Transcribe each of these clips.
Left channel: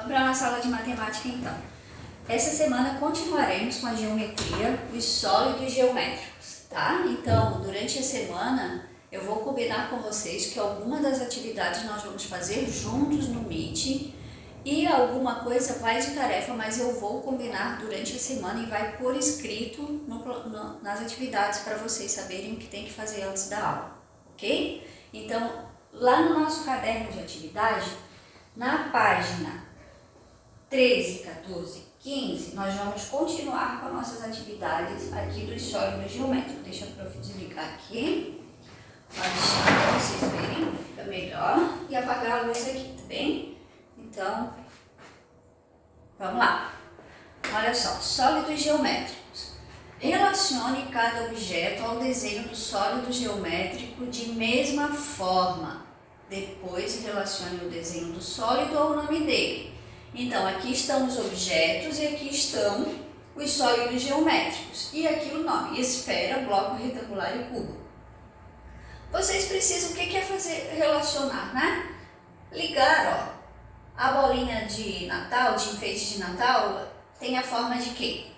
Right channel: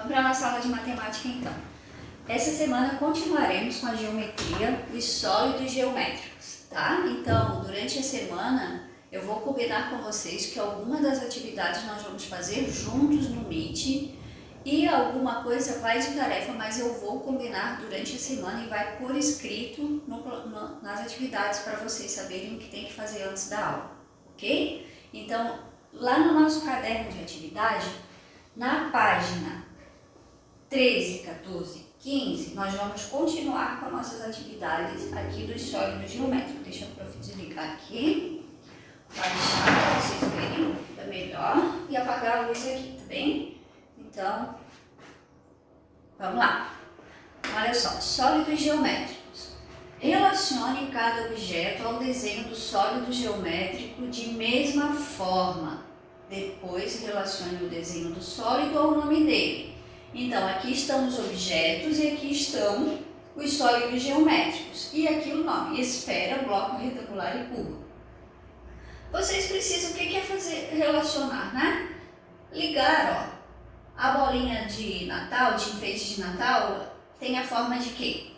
Vamos para a nossa aula de matemática então. Essa semana continuaremos com a geometria, os sólidos geométricos, tá? Então, durante a semana, eu vou combinar com vocês que alguma das atividades nós vamos fazer juntos no Meet e alguma coisa vai de tarefa, mas eu vou combinar durante a semana e vai por escrito nas atividades para vocês saberem o que tem que fazer antes da aula, ok? Então, lá no nosso caderno de atividade, na página 13, 14, 15, nós vamos continuar com nossas atividades aqui dos sólidos geométricos. Deixa a prof desligar aqui, baixar para vocês verem, fica melhor, e apagar a luz aqui, tá bem? Então, vamos lá. Olha só, sólidos geométricos. Relacione cada objeto ao desenho do sólido geométrico de mesma forma. Depois, relacione o desenho do sólido ao nome dele. Então, aqui estão os objetos e aqui estão os sólidos geométricos. E aqui o nome, esfera, bloco retangular e cubo. Vocês precisam, o que é fazer? Relacionar, né? Ligar, ó. A bolinha de Natal, de enfeite de Natal, tem a forma de quê?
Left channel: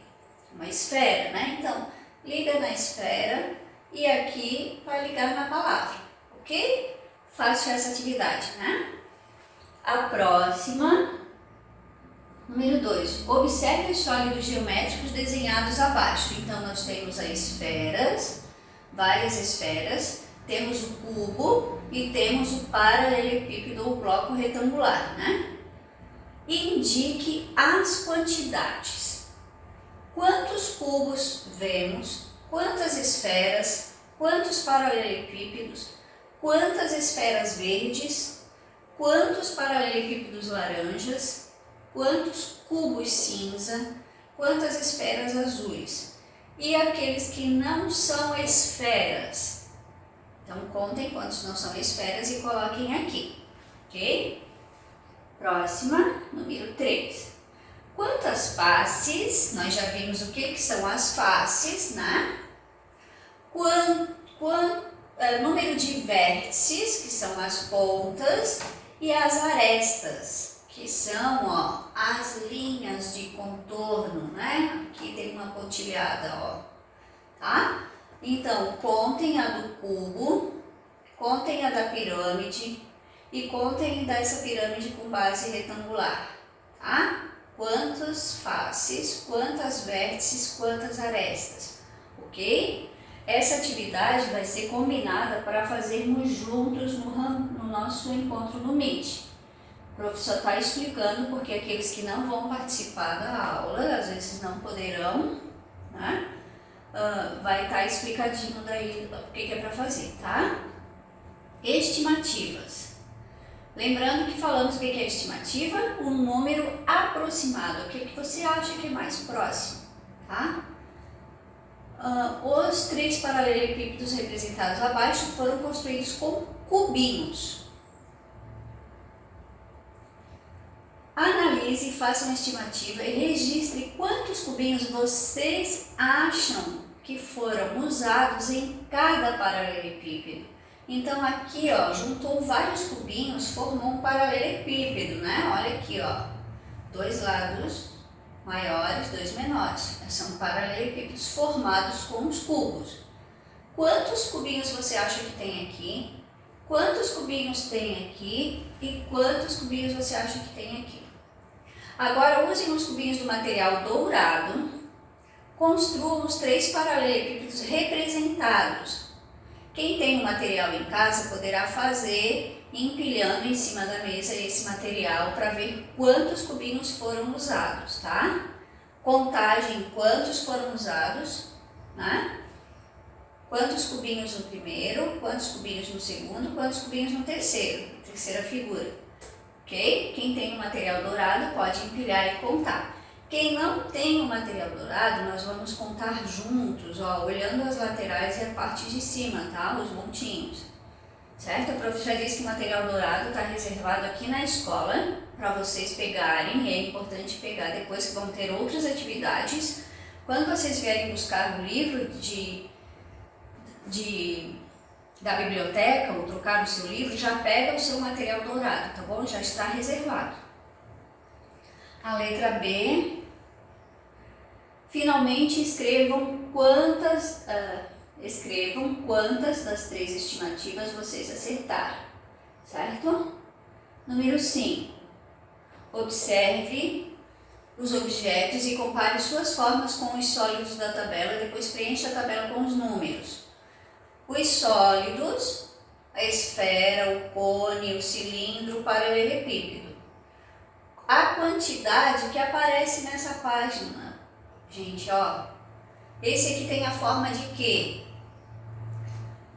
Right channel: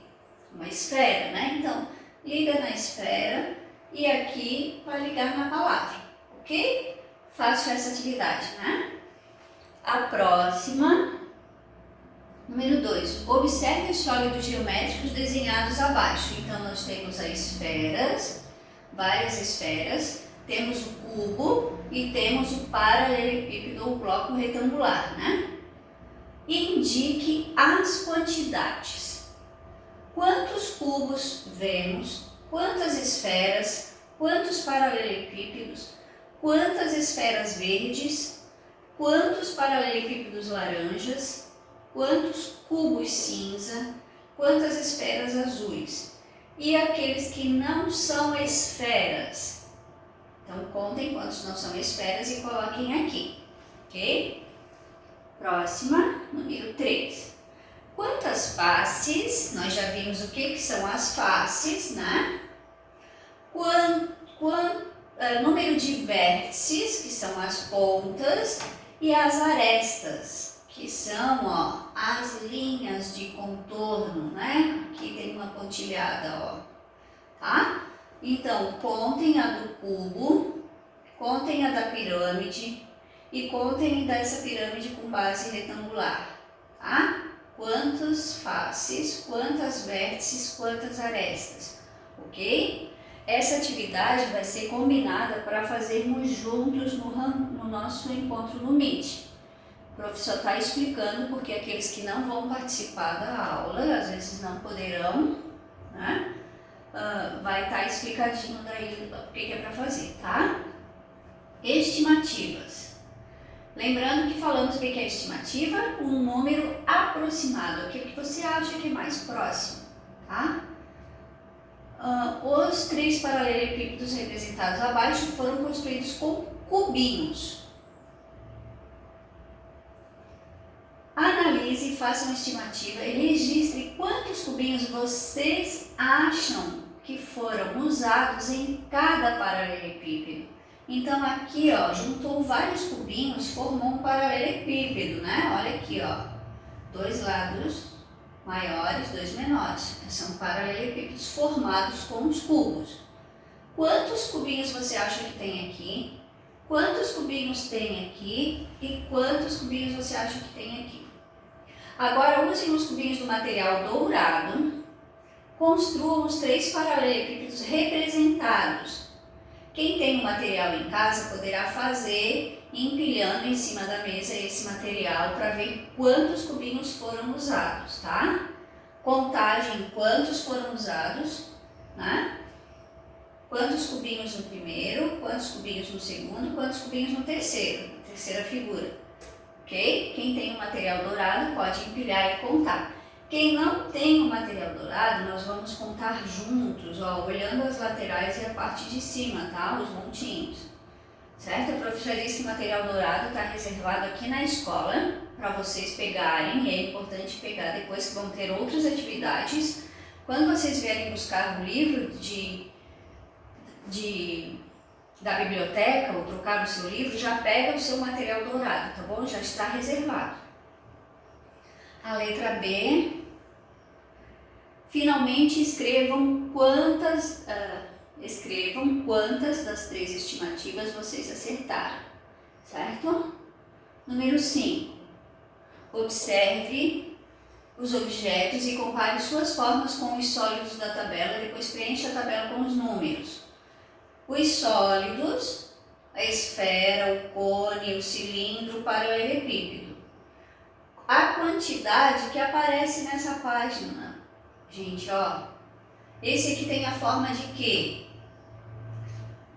Uma esfera, né? Então, liga na esfera e aqui vai ligar na palavra, ok? Faço essa atividade, né? A próxima, número 2. Observe os sólidos geométricos desenhados abaixo. Então, nós temos as esferas, várias esferas, temos o cubo e temos o paralelepípedo ou bloco retangular, né? Indique as quantidades. Quantos cubos vemos? Quantas esferas? Quantos paralelepípedos? Quantas esferas verdes? Quantos paralelepípedos laranjas? Quantos cubos cinza? Quantas esferas azuis? E aqueles que não são esferas? Então, contem quantos não são esferas e coloquem aqui, ok? Próxima, número 3. Quantas faces? Nós já vimos o que são as faces, né? Número de vértices, que são as pontas, e as arestas, que são, ó, as linhas de contorno, né? Aqui tem uma pontilhada, ó, tá? Então, contem a do cubo, contem a da pirâmide e contem dessa pirâmide com base retangular, tá? Quantas faces, quantas vértices, quantas arestas, ok? Essa atividade vai ser combinada para fazermos juntos no nosso encontro no Meet. O professor está explicando porque aqueles que não vão participar da aula, às vezes não poderão, né? Vai estar explicadinho daí o que é para fazer, tá? Estimativas. Lembrando que falamos o que é estimativa? Um número aproximado, aquele que você acha que é mais próximo, tá? Os 3 paralelepípedos representados abaixo foram construídos com cubinhos. Analise, faça uma estimativa e registre quantos cubinhos vocês acham que foram usados em cada paralelepípedo. Então aqui, ó, juntou vários cubinhos, formou um paralelepípedo, né? Olha aqui, ó, 2 lados maiores, 2 menores. São paralelepípedos formados com os cubos. Quantos cubinhos você acha que tem aqui? Quantos cubinhos tem aqui? E quantos cubinhos você acha que tem aqui? Agora usem os cubinhos do material dourado. Construam os 3 paralelepípedos representados. Quem tem o material em casa poderá fazer empilhando em cima da mesa esse material para ver quantos cubinhos foram usados, tá? Contagem, quantos foram usados, né? Quantos cubinhos no primeiro, quantos cubinhos no segundo, quantos cubinhos no terceiro, terceira figura, ok? Quem tem o material dourado pode empilhar e contar. Quem não tem o material dourado, nós vamos contar juntos, ó, olhando as laterais e a parte de cima, tá? Os montinhos, certo? A prof já disse que o material dourado está reservado aqui na escola para vocês pegarem, e é importante pegar depois que vão ter outras atividades. Quando vocês vierem buscar o livro da biblioteca ou trocar o seu livro, já pega o seu material dourado, tá bom? Já está reservado. A letra B. Finalmente escrevam quantas das 3 estimativas vocês acertaram, certo? Número 5. Observe os objetos e compare suas formas com os sólidos da tabela, depois preencha a tabela com os números. Os sólidos, a esfera, o cone, o cilindro, o paralelepípedo. A quantidade que aparece nessa página, gente, ó. Esse aqui tem a forma de quê?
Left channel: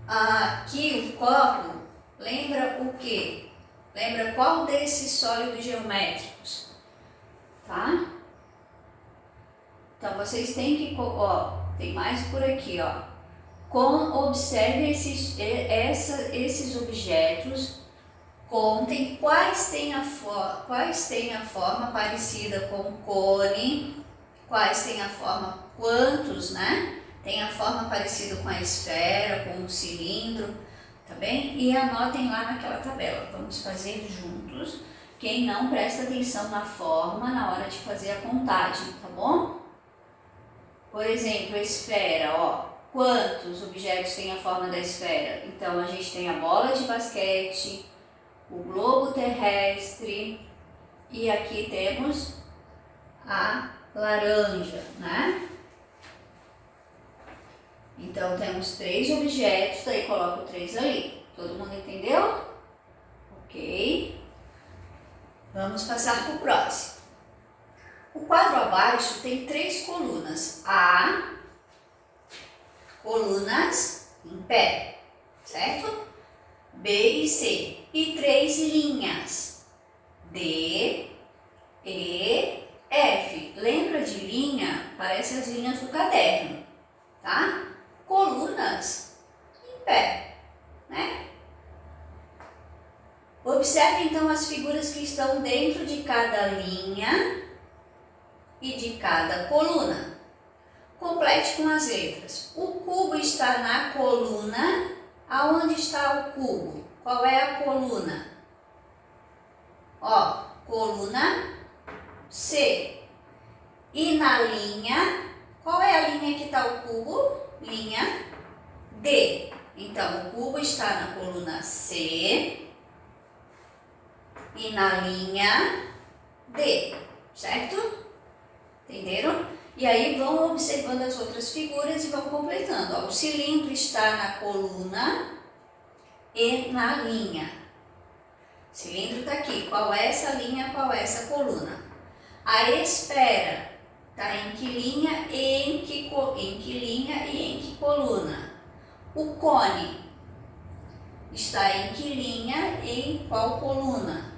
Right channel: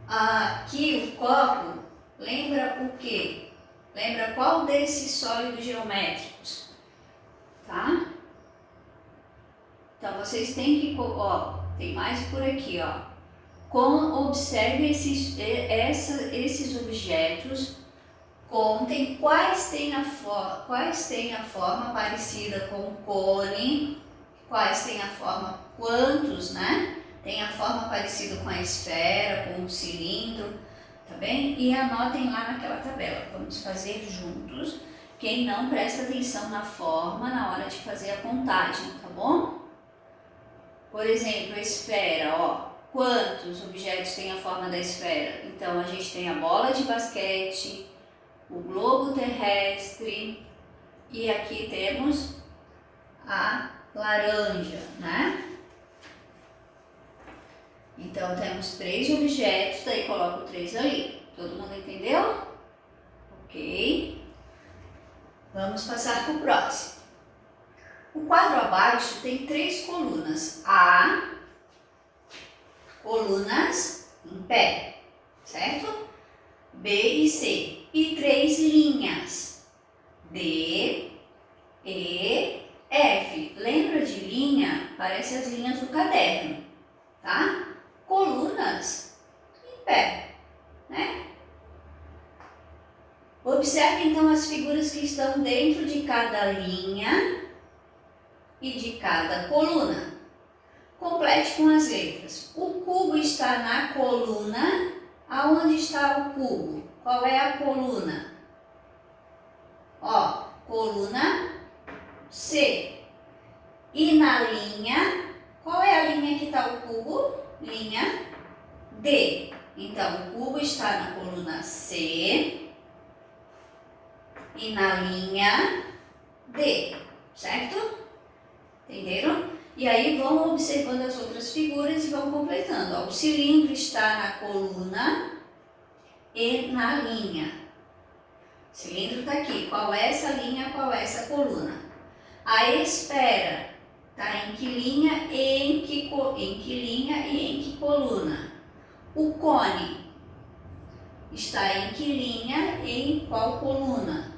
Aqui o copo lembra o quê? Lembra qual desses sólidos geométricos? Tá? Então vocês têm que, ó, tem mais por aqui, ó. Observe esses objetos, contem quais têm a forma parecida com o cone, quais têm a forma, quantos, né? Tem a forma parecida com a esfera, com o cilindro, tá bem? E anotem lá naquela tabela. Vamos fazer juntos. Quem não, presta atenção na forma na hora de fazer a contagem, tá bom? Por exemplo, a esfera, ó. Quantos objetos têm a forma da esfera? Então, a gente tem a bola de basquete, o globo terrestre e aqui temos a laranja, né? Então, temos 3 objetos, daí coloco 3 ali. Todo mundo entendeu? Ok. Vamos passar para o próximo. O quadro abaixo tem 3 colunas. Colunas em pé, certo? B e C. E 3 linhas. D, E, F. Lembra de linha? Parece as linhas do caderno, tá? Colunas em pé, né? Observe então as figuras que estão dentro de cada linha e de cada coluna. Complete com as letras. O cubo está na coluna. Aonde está o cubo? Qual é a coluna? Ó, coluna C. E na linha, qual é a linha que está o cubo? Linha D. Então, o cubo está na coluna C e na linha D, certo? Entenderam? E aí vão observando as outras figuras e vão completando. Ó, o cilindro está na coluna e na linha. O cilindro está aqui. Qual é essa linha? Qual é essa coluna? A esfera está em que linha e em que coluna? O cone está em que linha e em qual coluna?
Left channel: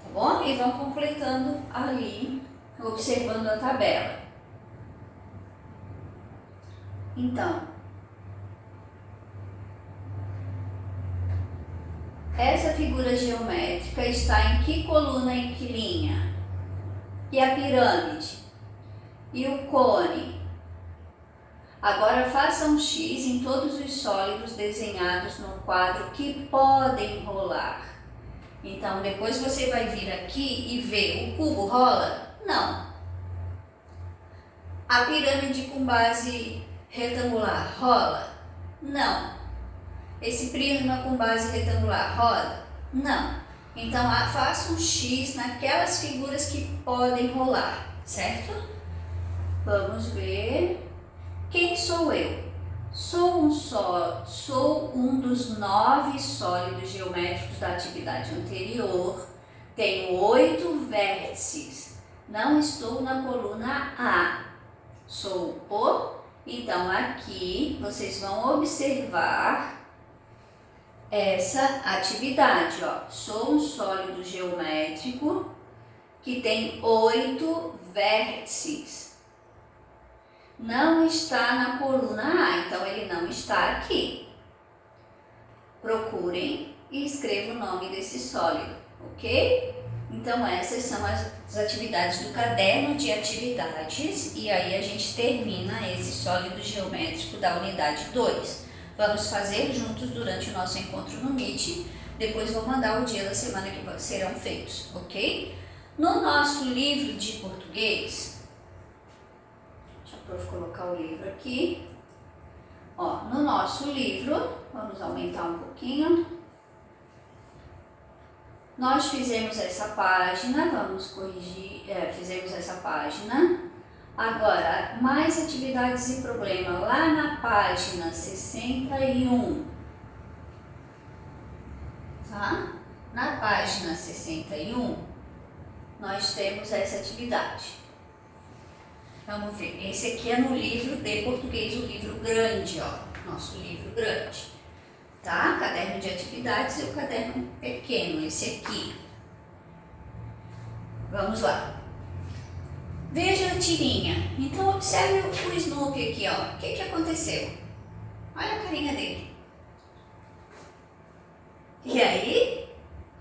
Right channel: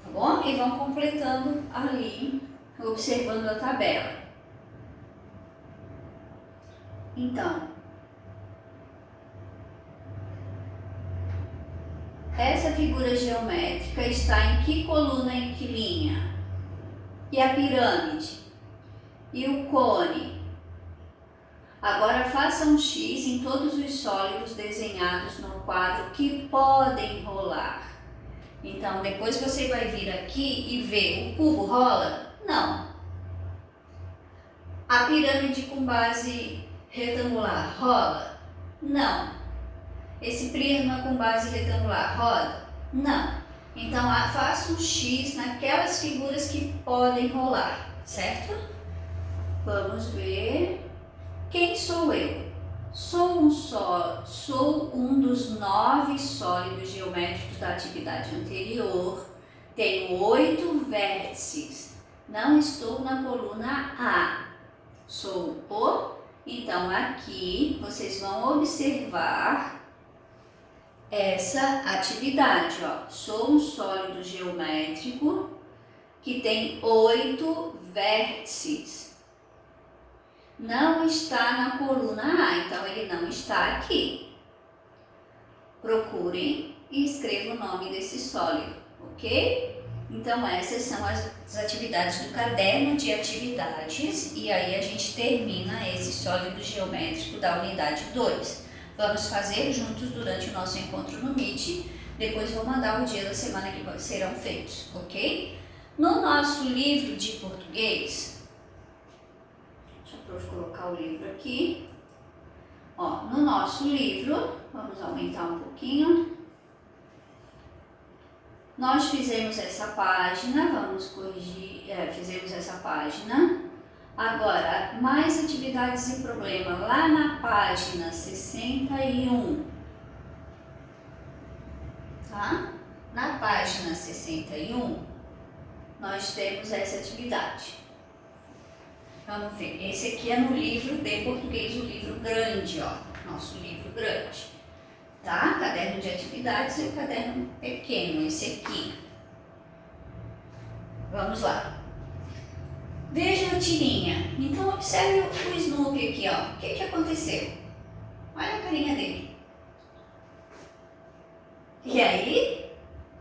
Tá bom? E vão completando ali, observando a tabela. Então, essa figura geométrica está em que coluna, em que linha? E a pirâmide? E o cone? Agora faça um X em todos os sólidos desenhados no quadro que podem rolar. Então, depois você vai vir aqui e ver o cubo rola? Não. A pirâmide com base retangular rola? Não. Esse prisma com base retangular roda? Não. Então, faça um X naquelas figuras que podem rolar, certo? Vamos ver. Quem sou eu? Sou um dos 9 sólidos geométricos da atividade anterior. Tenho 8 vértices. Não estou na coluna A. Sou o. Então, aqui vocês vão observar essa atividade, ó. Sou um sólido geométrico que tem 8 vértices. Não está na coluna A, então ele não está aqui. Procurem e escrevam o nome desse sólido, ok? Então, essas são as atividades do caderno de atividades e aí a gente termina esse sólido geométrico da unidade 2. Vamos fazer juntos durante o nosso encontro no Meet, depois vou mandar o dia da semana que serão feitos, ok? No nosso livro de português, deixa eu colocar o livro aqui. Ó, no nosso livro, vamos aumentar um pouquinho. Nós fizemos essa página, vamos corrigir, fizemos essa página. Agora, mais atividades e problema, lá na página 61, tá? Na página 61, nós temos essa atividade. Vamos ver, esse aqui é no livro de português, o livro grande, ó, nosso livro grande. Tá? Caderno de atividades e o caderno pequeno, esse aqui. Vamos lá. Veja a tirinha. Então, observe o Snoopy aqui, ó. O que aconteceu? Olha a carinha dele. E aí,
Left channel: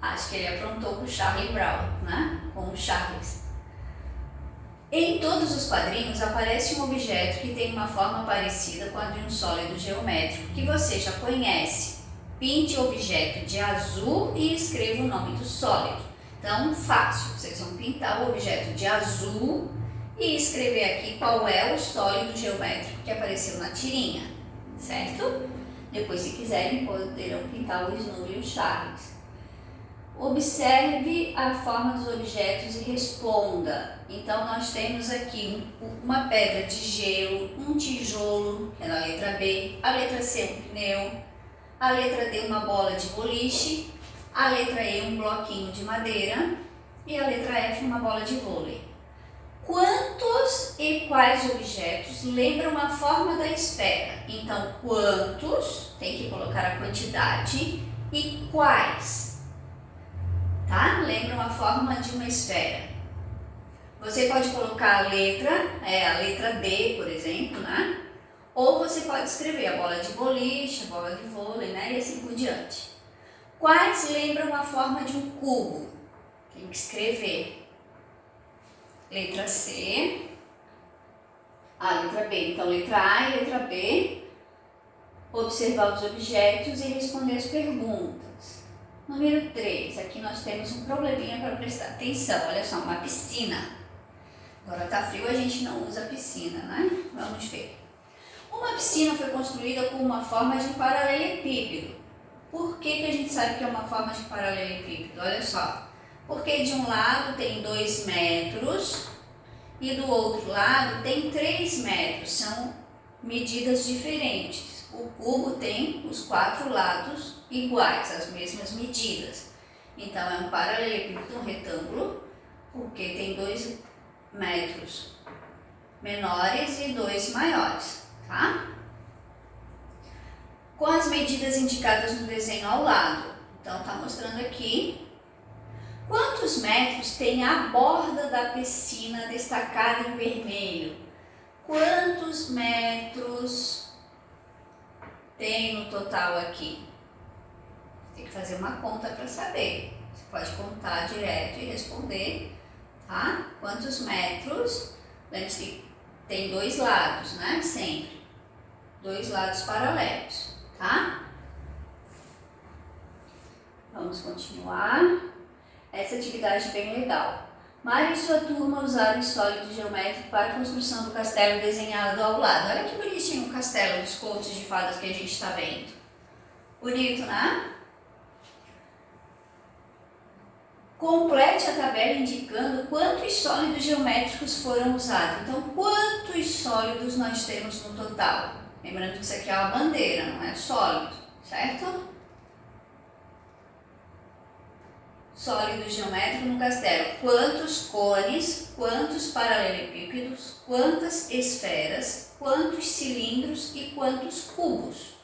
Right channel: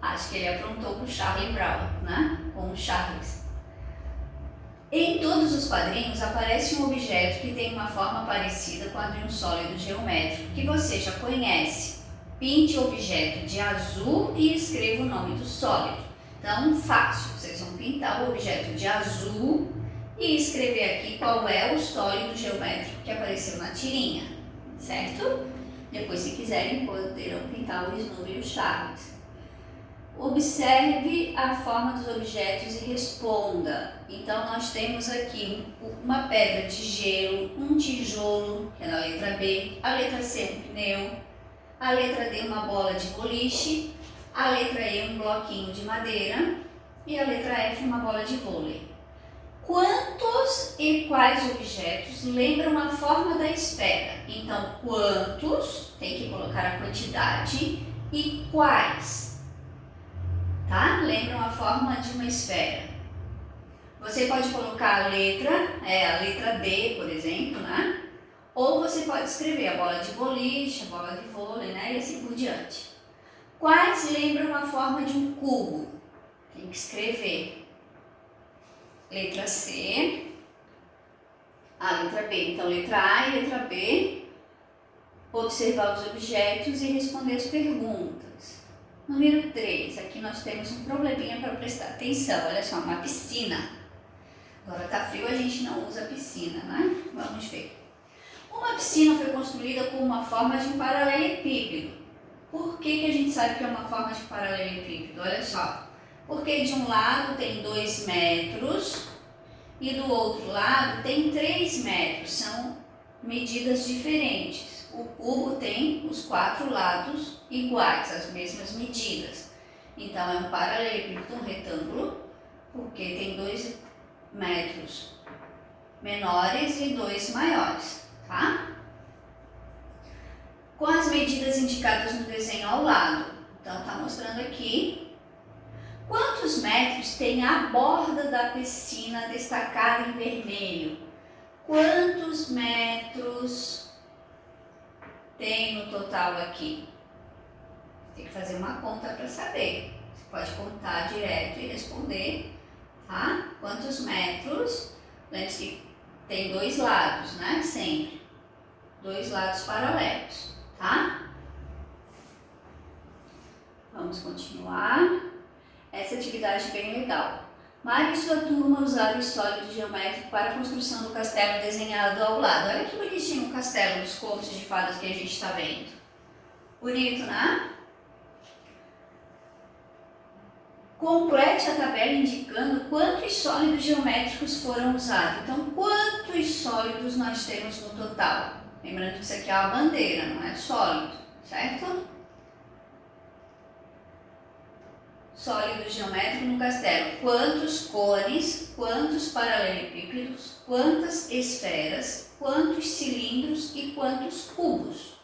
acho que ele aprontou com o Charlie Brown, né? Com o Charles. Em todos os quadrinhos aparece um objeto que tem uma forma parecida com a de um sólido geométrico, que você já conhece. Pinte o objeto de azul e escreva o nome do sólido. Então, fácil, vocês vão pintar o objeto de azul e escrever aqui qual é o sólido geométrico que apareceu na tirinha, certo? Depois, se quiserem, poderão pintar o Snoopy e o Charles. Observe a forma dos objetos e responda. Então, nós temos aqui uma pedra de gelo, um tijolo, que é a letra B, a letra C, um pneu, a letra D, uma bola de boliche, a letra E, um bloquinho de madeira e a letra F, uma bola de vôlei. Quantos e quais objetos lembram a forma da esfera? Então, quantos, tem que colocar a quantidade, e quais, tá? Lembram a forma de uma esfera. Você pode colocar a letra D, por exemplo, né? Ou você pode escrever a bola de boliche, a bola de vôlei, né? E assim por diante. Quais lembram a forma de um cubo? Tem que escrever. Letra C, a letra B. Então, letra A e letra B. Observar os objetos e responder as perguntas. Número 3. Aqui nós temos um probleminha para prestar atenção. Olha só, uma piscina. Agora tá frio, a gente não usa piscina, né? Vamos ver. Uma piscina foi construída com uma forma de um paralelepípedo. Por que a gente sabe que é uma forma de paralelepípedo? Olha só. Porque de um lado tem 2 metros e do outro lado tem 3 metros. São medidas diferentes. O cubo tem os 4 lados iguais, as mesmas medidas. Então, é um paralelepípedo, um retângulo, porque tem 2 metros menores e 2 maiores. Tá? Com as medidas indicadas no desenho ao lado. Então, está mostrando aqui quantos metros tem a borda da piscina destacada em vermelho. Quantos metros tem no total aqui? Tem que fazer uma conta para saber. Você pode contar direto e responder, tá? Quantos metros? Lembre-se que tem 2 lados, né? Sempre. 2 lados paralelos, tá? Vamos continuar. Essa atividade é bem legal. Mário e sua turma usaram o sólido geométrico para a construção do castelo desenhado ao lado. Olha que bonitinho o castelo dos contos de fadas que a gente está vendo. Bonito, né? Complete a tabela indicando quantos sólidos geométricos foram usados. Então, quantos sólidos nós temos no total? Lembrando que isso aqui é uma bandeira, não é sólido, certo? Sólido geométrico no castelo. Quantos cones, quantos paralelepípedos, quantas esferas, quantos cilindros e quantos cubos.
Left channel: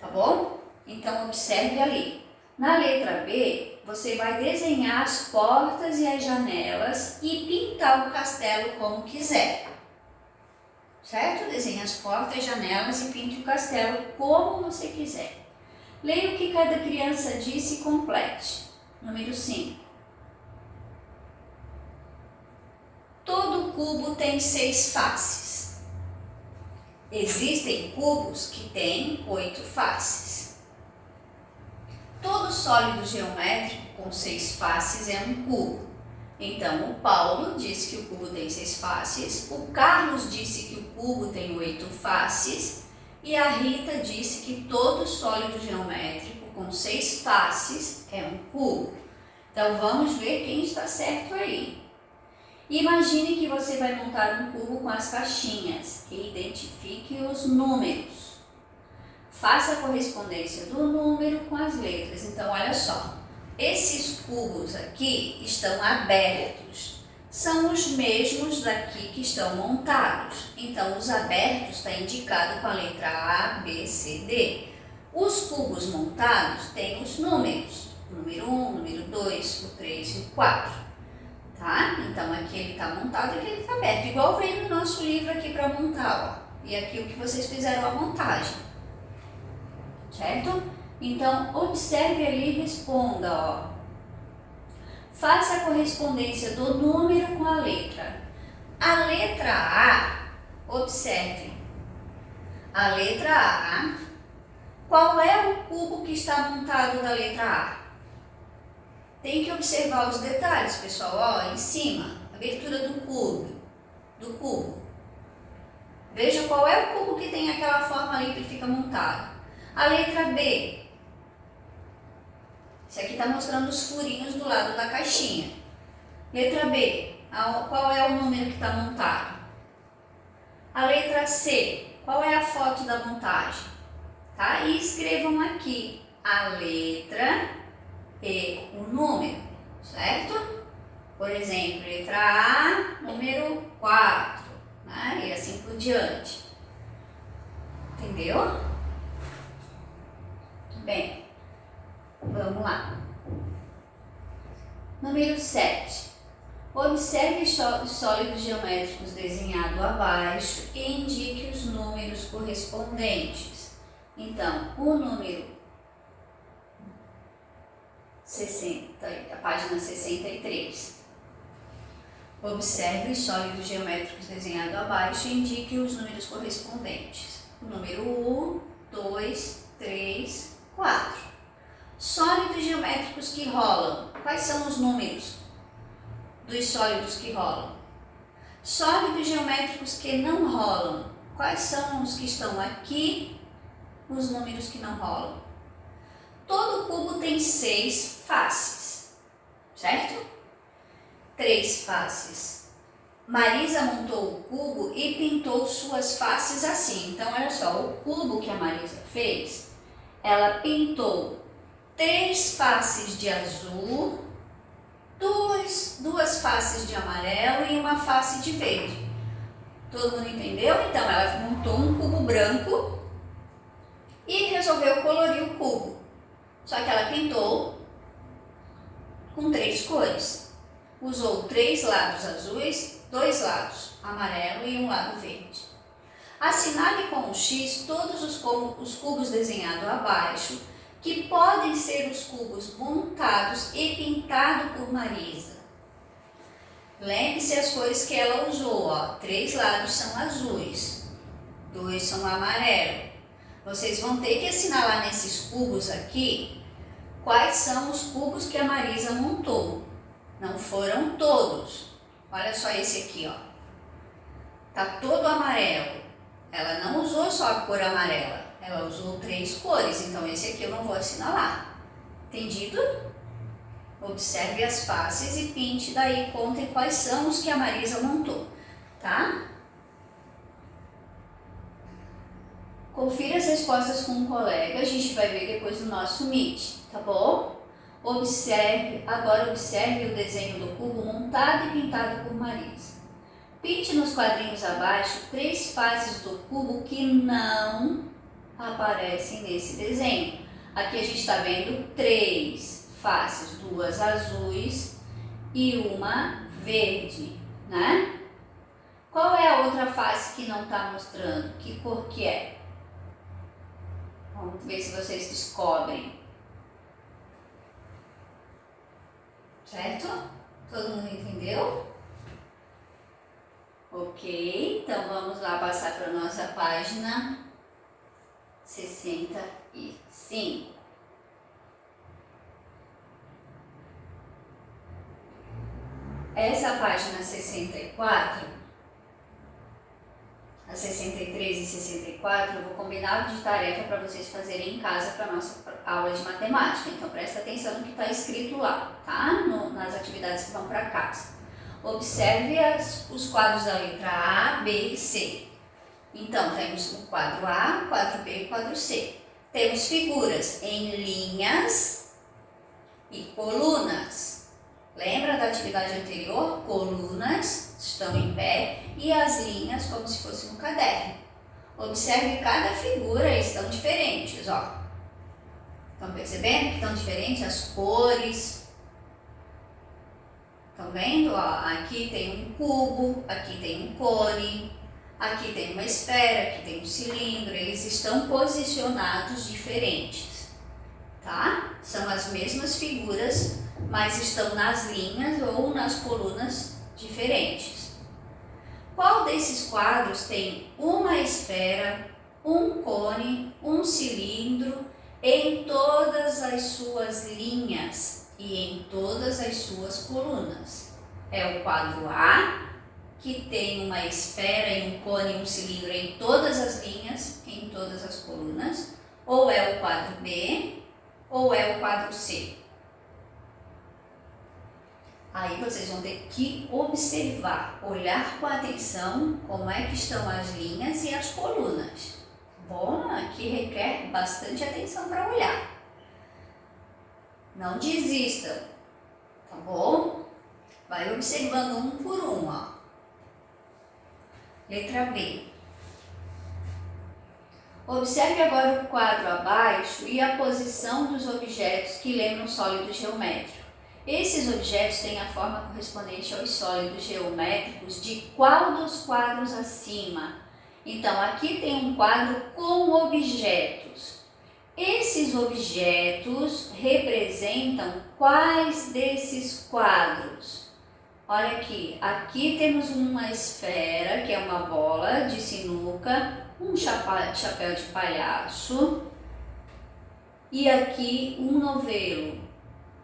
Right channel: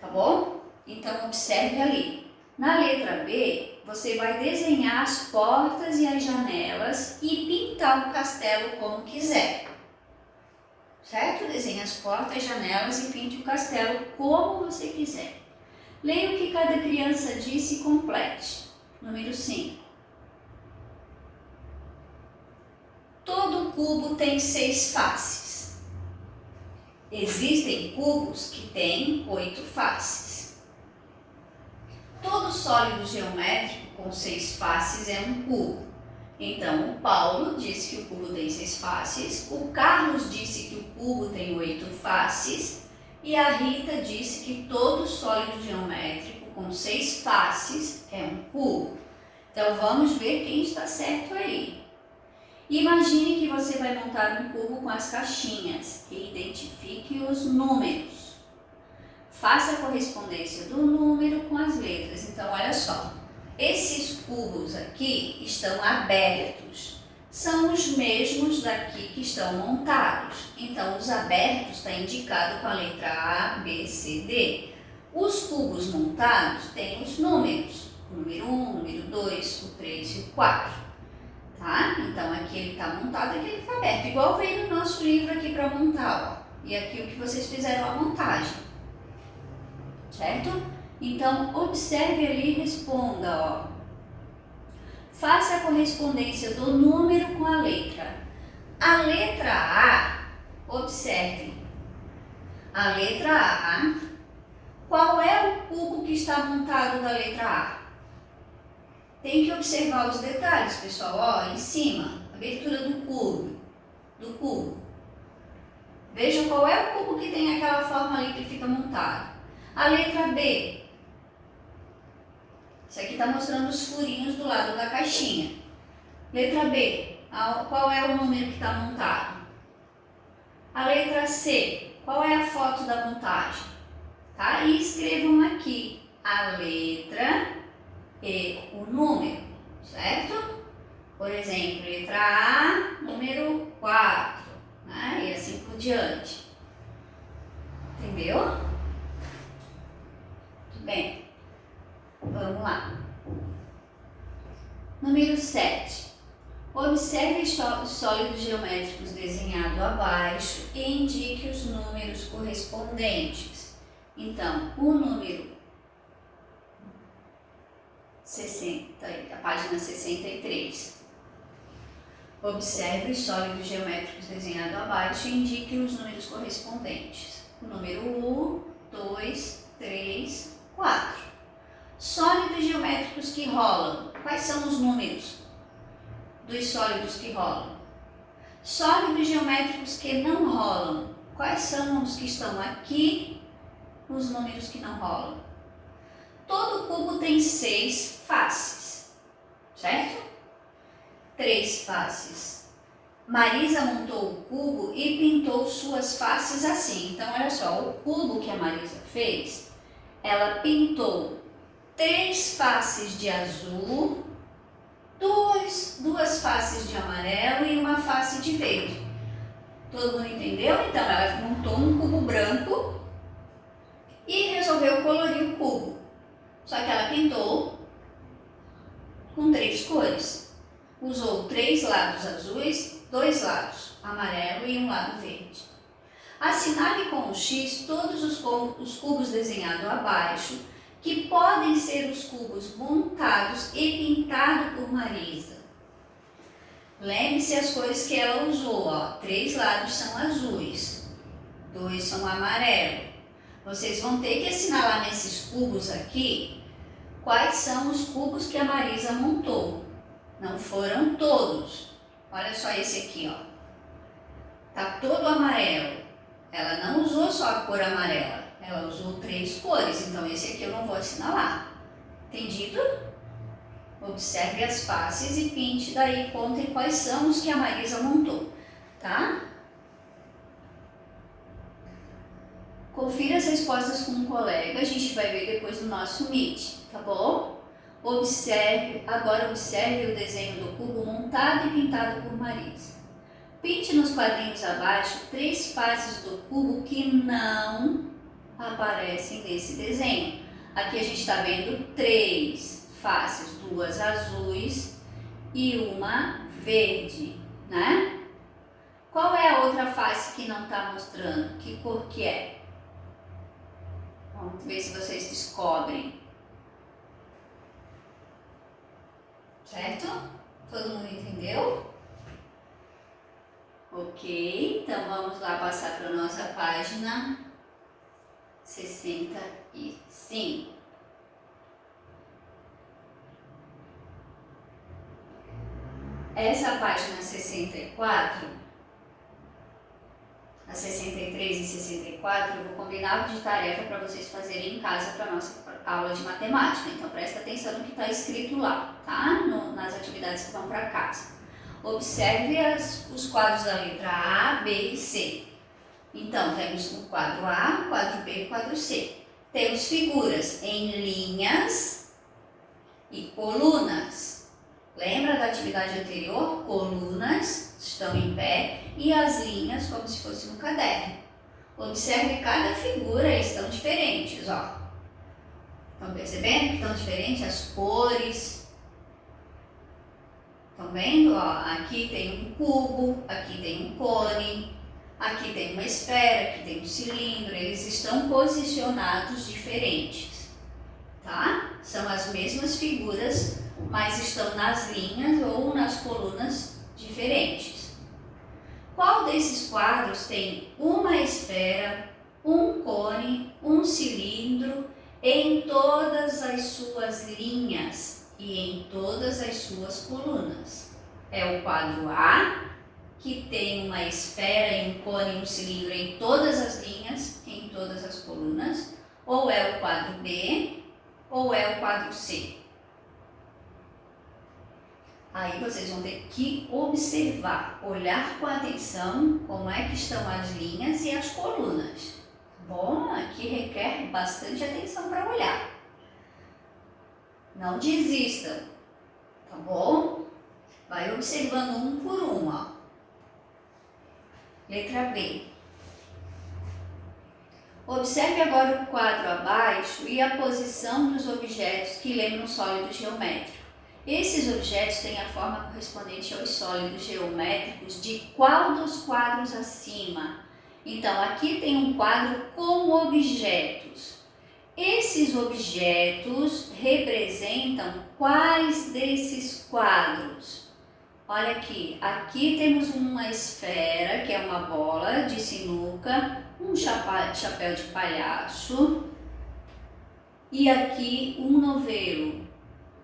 Tá bom? Então, observe ali. Na letra B, você vai desenhar as portas e as janelas e pintar o castelo como quiser. Certo? Desenhe as portas, janelas e pinte o castelo como você quiser. Leia o que cada criança disse e complete. Número 5. Todo cubo tem 6 faces. Existem cubos que têm 8 faces. Todo sólido geométrico com 6 faces é um cubo. Então, o Paulo disse que o cubo tem 6 faces, o Carlos disse que o cubo tem 8 faces e a Rita disse que todo sólido geométrico com 6 faces é um cubo. Então, vamos ver quem está certo aí. Imagine que você vai montar um cubo com as caixinhas e identifique os números. Faça a correspondência do número com as letras. Então, olha só. Esses cubos aqui estão abertos. São os mesmos daqui que estão montados. Então, os abertos está indicado com a letra A, B, C, D. Os cubos montados têm os números. O número 1, o número 2, o 3 e o 4. Tá? Então, aqui ele está montado e aqui ele está aberto. Igual veio no nosso livro aqui para montar, ó. E aqui o que vocês fizeram a montagem. Certo? Então, observe ali e responda, ó. Faça a correspondência do número com a letra. A letra A, observe. A letra A, qual é o cubo que está montado da letra A? Tem que observar os detalhes, pessoal, ó, em cima, abertura do cubo. Veja qual é o cubo que tem aquela forma ali que fica montado. A letra B. Isso aqui está mostrando os furinhos do lado da caixinha. Letra B. Qual é o número que está montado? A letra C. Qual é a foto da montagem? Tá? E escrevam aqui a letra e o número, certo? Por exemplo, letra A, número 4, né? E assim por diante. Entendeu? Bem, vamos lá. Número 7. Observe os sólidos geométricos desenhados abaixo e indique os números correspondentes. Então, o número 60, a página 63. Observe os sólidos geométricos desenhados abaixo e indique os números correspondentes. O número 1, 2, 3, 4. Sólidos geométricos que rolam. Quais são os números dos sólidos que rolam? Sólidos geométricos que não rolam. Quais são os que estão aqui? Os números que não rolam. Todo cubo tem 6 faces, certo? 3 faces. Marisa montou o cubo e pintou suas faces assim. Então, olha só, o cubo que a Marisa fez, ela pintou 3 faces de azul, duas faces de amarelo e uma face de verde. Todo mundo entendeu? Então, ela montou um cubo branco e resolveu colorir o cubo. Só que ela pintou com 3 cores. Usou 3 lados azuis, 2 lados amarelo e um lado verde. Assinale com um X todos os cubos desenhados abaixo, que podem ser os cubos montados e pintados por Marisa. Lembre-se as cores que ela usou, ó. 3 lados são azuis, 2 são amarelo. Vocês vão ter que assinalar nesses cubos aqui quais são os cubos que a Marisa montou. Não foram todos. Olha só esse aqui, ó. Tá todo amarelo. Ela não usou só a cor amarela. Ela usou 3 cores. Então, esse aqui eu não vou assinalar. Entendido? Observe as faces e pinte daí. Contem quais são os que a Marisa montou. Tá? Confira as respostas com um colega. A gente vai ver depois no nosso Meet. Tá bom? Agora observe o desenho do cubo montado e pintado por Marisa. Pinte nos quadrinhos abaixo 3 faces do cubo que não aparecem nesse desenho. Aqui a gente está vendo 3 faces, 2 azuis e uma verde, né? Qual é a outra face que não está mostrando? Que cor que é? Vamos ver se vocês descobrem. Certo? Todo mundo entendeu? Ok, então vamos lá passar para a nossa página 65. essa página 64, a 63 e 64, eu vou combinar de tarefa para vocês fazerem em casa para a nossa aula de matemática. Então, presta atenção no que está escrito lá, tá? Nas atividades que vão para casa. Observe os quadros da letra A, B e C. Então, temos o quadro A, o quadro B e o quadro C. Temos figuras em linhas e colunas. Lembra da atividade anterior? Colunas estão em pé e as linhas como se fosse um caderno. Observe cada figura e estão diferentes, ó. Estão percebendo que estão diferentes as cores? Estão vendo? Ó, aqui tem um cubo, aqui tem um cone, aqui tem uma esfera, aqui tem um cilindro. Eles estão posicionados diferentes, tá? São as mesmas figuras, mas estão nas linhas ou nas colunas diferentes. Qual desses quadros tem uma esfera, um cone, um cilindro em todas as suas linhas e em todas as suas colunas? É o quadro A, que tem uma esfera e um cone e um cilindro em todas as linhas, em todas as colunas, ou é o quadro B, ou é o quadro C? Aí vocês vão ter que observar, olhar com atenção como é que estão as linhas e as colunas. Bom, aqui requer bastante atenção para olhar. Não desistam, tá bom? Vai observando um por um, ó. Letra B. Observe agora o quadro abaixo e a posição dos objetos que lembram sólido geométrico. Esses objetos têm a forma correspondente aos sólidos geométricos de qual dos quadros acima? Então, aqui tem um quadro com objetos. Esses objetos representam quais desses quadros? Olha aqui, aqui temos uma esfera, que é uma bola de sinuca, um chapéu de palhaço e aqui um novelo.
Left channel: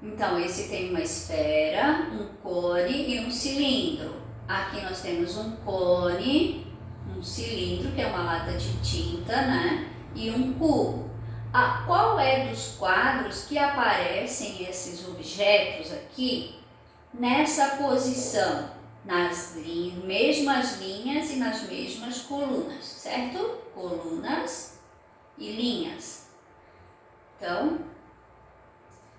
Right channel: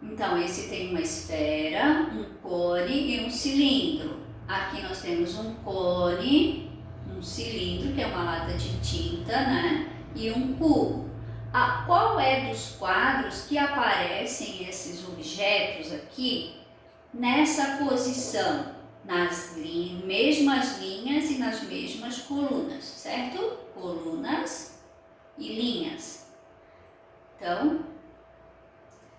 Então, esse tem uma esfera, um cone e um cilindro. Aqui nós temos um cone, um cilindro, que é uma lata de tinta, né? E um cubo. Qual é dos quadros que aparecem esses objetos aqui nessa posição? Nas mesmas linhas e nas mesmas colunas, certo? Colunas e linhas. Então,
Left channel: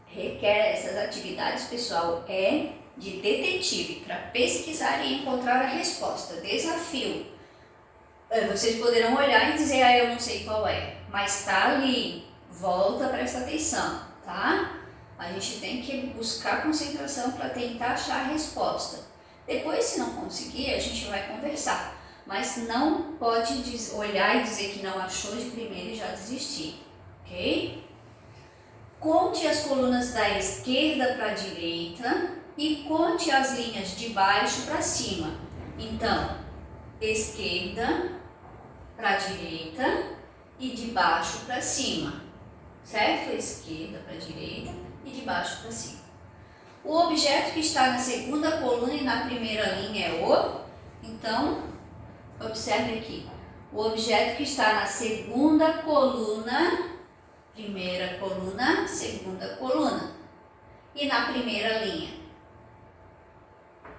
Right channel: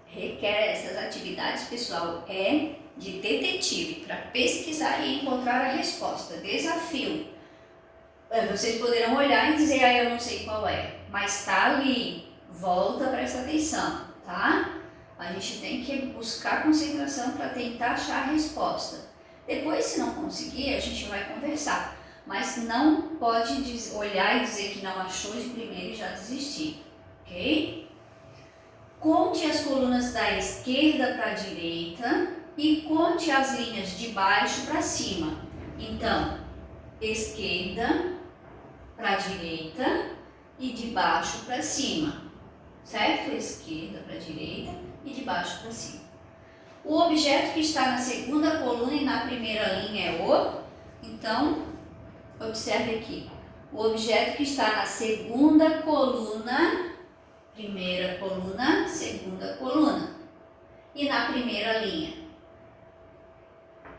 requer essas atividades, pessoal, é de detetive, para pesquisar e encontrar a resposta. Desafio. Vocês poderão olhar e dizer, eu não sei qual é, mas tá ali. Volta, presta atenção, tá? A gente tem que buscar concentração para tentar achar a resposta. Depois, se não conseguir, a gente vai conversar. Mas não pode olhar e dizer que não achou de primeira e já desistir, ok? Conte as colunas da esquerda para a direita e conte as linhas de baixo para cima. Então, esquerda para a direita e de baixo para cima, certo? Esquerda para a direita e de baixo para cima. O objeto que está na segunda coluna e na primeira linha é o... Então, observe aqui. O objeto que está na segunda coluna, primeira coluna, segunda coluna. E na primeira linha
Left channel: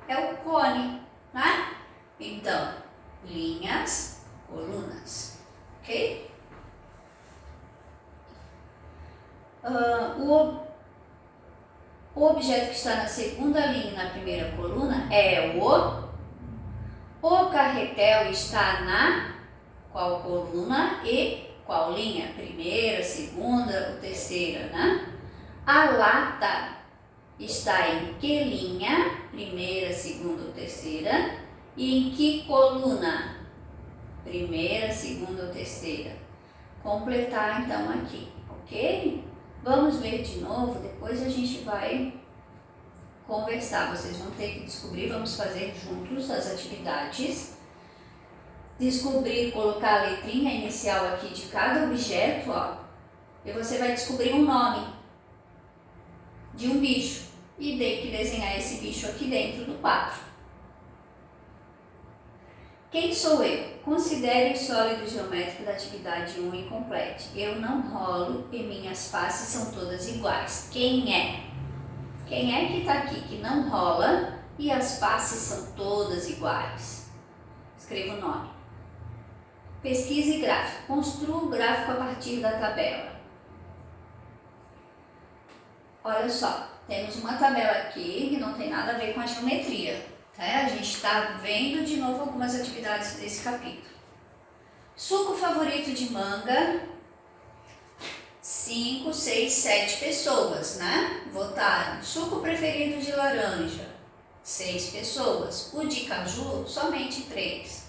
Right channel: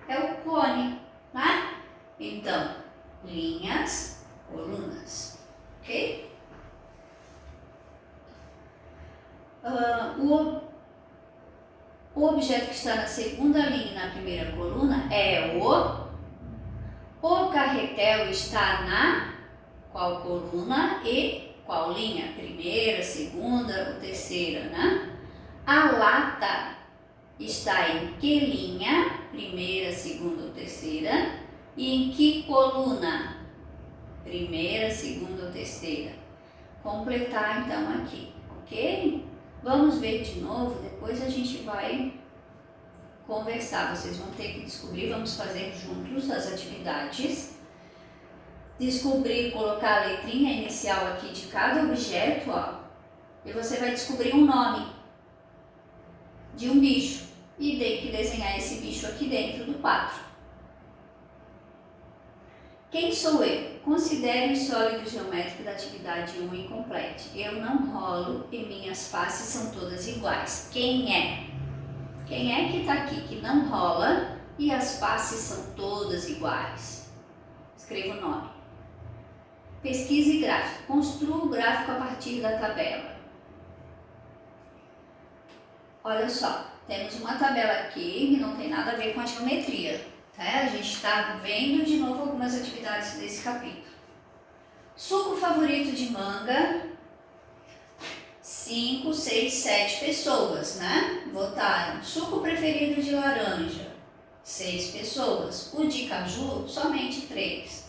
é o cone, né? Então, linhas, colunas, ok? O objeto que está na segunda linha e na primeira coluna é o carretel está na qual coluna e qual linha? Primeira, segunda ou terceira, né? A lata está em que linha? Primeira, segunda ou terceira? E em que coluna? Primeira, segunda ou terceira? Completar então aqui, ok? Vamos ver de novo, depois a gente vai conversar. Vocês vão ter que descobrir, vamos fazer juntos as atividades. Descobrir, colocar a letrinha inicial aqui de cada objeto, ó. E você vai descobrir um nome de um bicho. e tenho que desenhar esse bicho aqui dentro do quadro. Quem sou eu? Considere o sólido geométrico da atividade 1 e complete. Eu não rolo e minhas faces são todas iguais. Quem é? Quem é que está aqui que não rola e as faces são todas iguais? Escreva o nome. Pesquise gráfico. Construa o gráfico a partir da tabela. Olha só, temos uma tabela aqui que não tem nada a ver com a geometria. Tá? A gente está vendo de novo algumas atividades desse capítulo. Suco favorito de manga, 5, 6, 7 pessoas, né? Votaram. Suco preferido de laranja, 6 pessoas. O de caju, somente 3.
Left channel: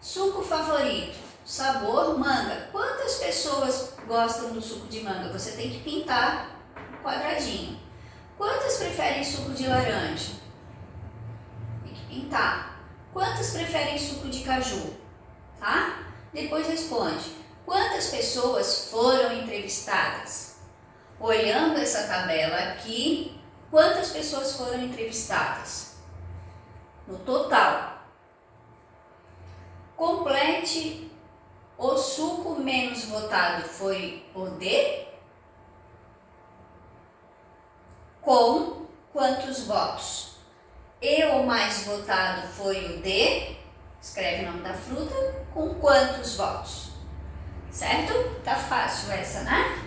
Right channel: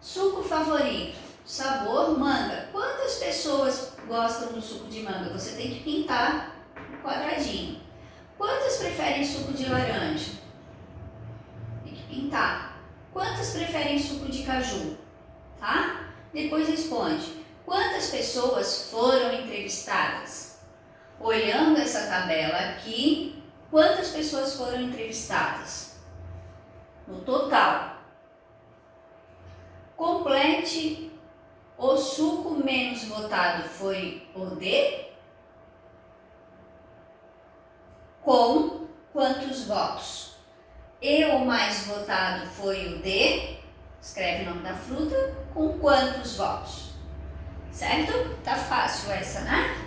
Suco favorito, sabor manga. Quantas pessoas gostam do suco de manga? Você tem que pintar um quadradinho. Quantas preferem suco de laranja? Tem que pintar. Quantas preferem suco de caju? Tá? Depois responde. Quantas pessoas foram entrevistadas? Olhando essa tabela aqui, quantas pessoas foram entrevistadas? No total. Complete. O suco menos votado foi o D? Com quantos votos? E o mais votado foi o D? Escreve o nome da fruta. Com quantos votos? Certo? Tá fácil essa, né?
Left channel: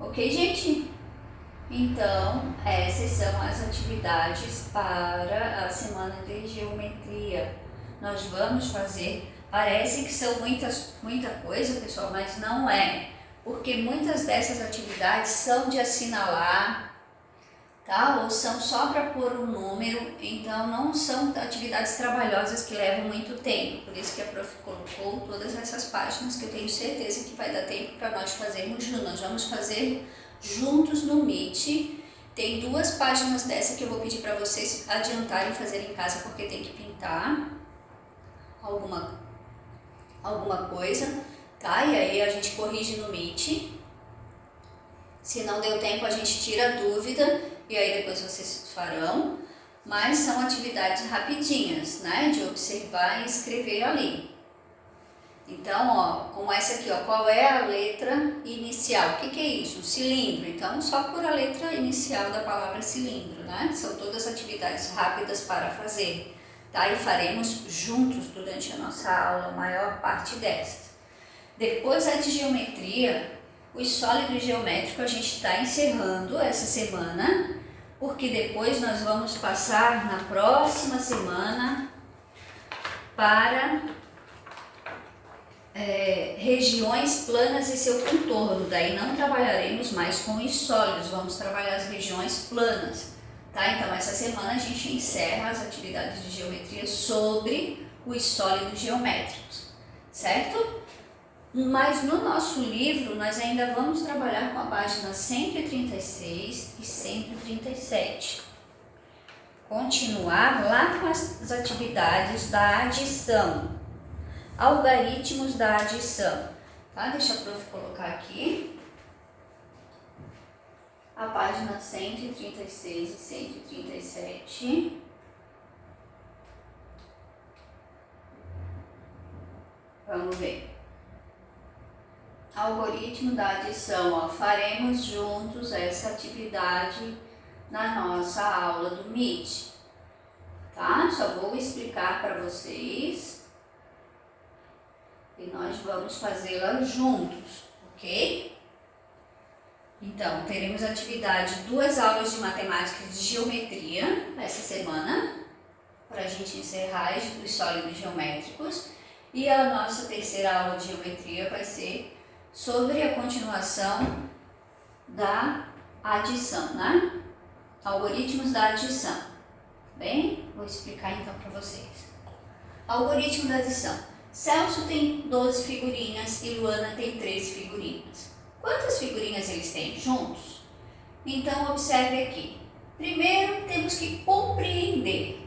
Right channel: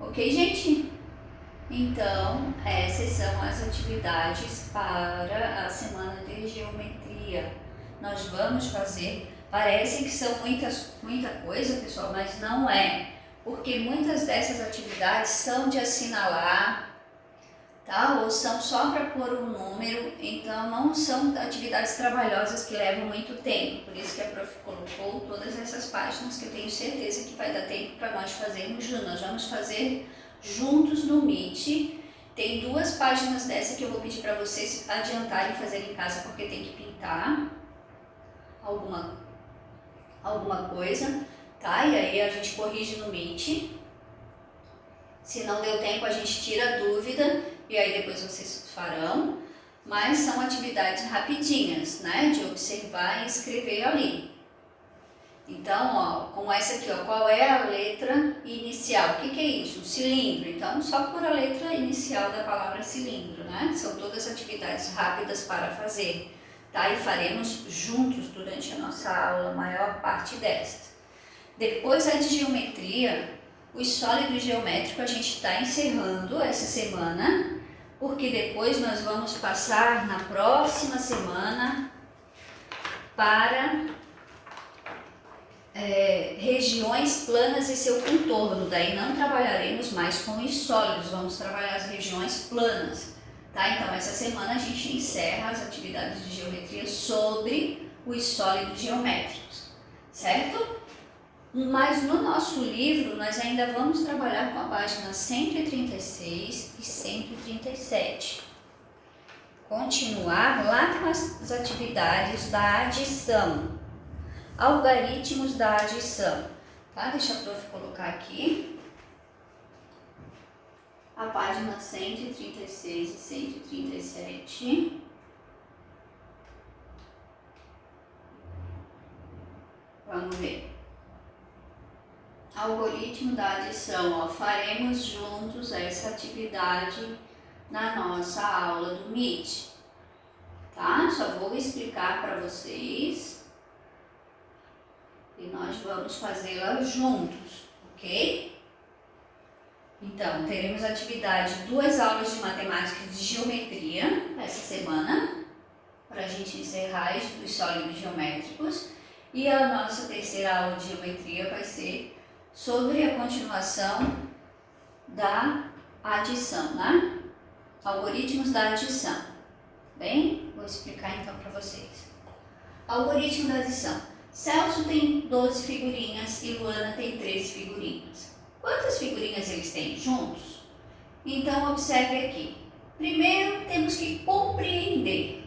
Ok, gente? Então, essas são as atividades para a semana de geometria. Nós vamos fazer, parece que são muita coisa, pessoal, mas não é. Porque muitas dessas atividades são de assinalar, tá? Ou são só para pôr um número, então não são atividades trabalhosas que levam muito tempo. Por isso que a prof colocou todas essas páginas que eu tenho certeza que vai dar tempo para nós fazermos juntos. Nós vamos fazer juntos no Meet. Tem 2 páginas dessa que eu vou pedir para vocês adiantarem e fazer em casa, porque tem que pintar alguma coisa, tá? E aí a gente corrige no Meet. Se não deu tempo, a gente tira a dúvida e aí depois vocês farão. Mas são atividades rapidinhas, né? De observar e escrever ali. Então, ó, como essa aqui, ó, qual é a letra inicial? O que que é isso? Um cilindro. Então, só por a letra inicial da palavra cilindro, né? São todas atividades rápidas para fazer, tá? E faremos juntos durante a nossa aula, a maior parte destas. Depois a de geometria, os sólidos geométricos a gente está encerrando essa semana, porque depois nós vamos passar na próxima semana para regiões planas e seu contorno. Daí não trabalharemos mais com os sólidos, vamos trabalhar as regiões planas, tá? Então essa semana a gente encerra as atividades de geometria sobre os sólidos geométricos, certo? Mas no nosso livro nós ainda vamos trabalhar com a página 136 e 137. Continuar lá com as atividades da adição. Algoritmos da adição. Tá? Deixa a prof colocar aqui. A página 136 e 137. Vamos ver. Algoritmo da adição, ó, faremos juntos essa atividade na nossa aula do Meet, tá? Só vou explicar para vocês e nós vamos fazê-la juntos, ok? Então, teremos atividade, 2 aulas de matemática e de geometria essa semana, para a gente encerrar os sólidos geométricos, e a nossa terceira aula de geometria vai ser sobre a continuação da adição, né? Algoritmos da adição. Bem, vou explicar então para vocês. Algoritmo da adição. Celso tem 12 figurinhas e Luana tem 13 figurinhas. Quantas figurinhas eles têm juntos? Então, observe aqui. Primeiro, temos que compreender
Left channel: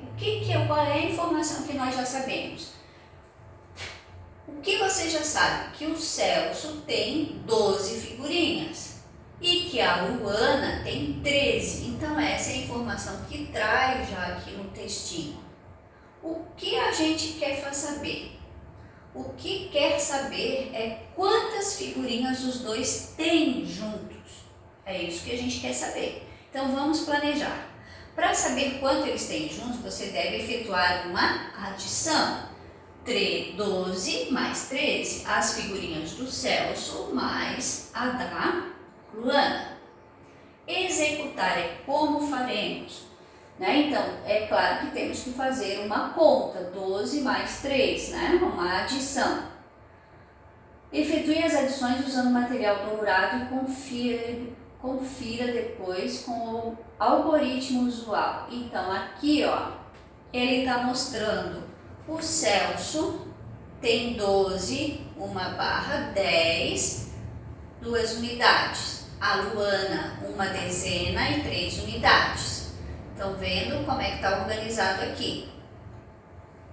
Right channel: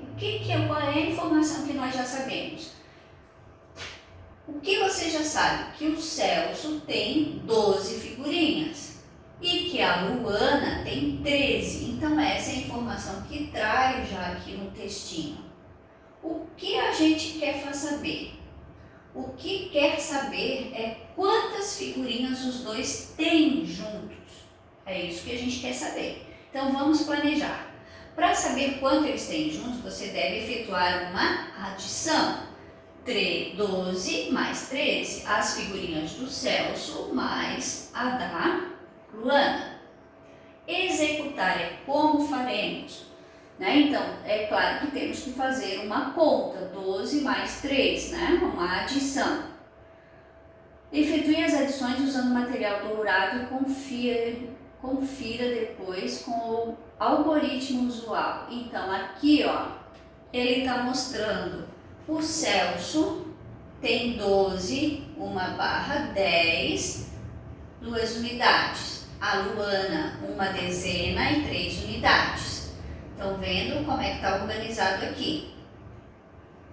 qual é a informação que nós já sabemos. O que você já sabe? Que o Celso tem 12 figurinhas. e que a Luana tem 13. Então essa é a informação que traz já aqui no textinho. O que a gente quer saber? O que quer saber é quantas figurinhas os dois têm juntos. É isso que a gente quer saber. Então vamos planejar. Para saber quanto eles têm juntos, você deve efetuar uma adição. 12 mais 13, as figurinhas do Celso mais a da Luana. Executar é como faremos, né? Então, é claro que temos que fazer uma conta, 12 mais 3, né? Uma adição. Efetue as adições usando material dourado e confira depois com o algoritmo usual. Então, aqui, ó, ele está mostrando o Celso tem 12, 1/10, 2 unidades. A Luana, 1 dezena e 3 unidades. Estão vendo como é que está organizado aqui?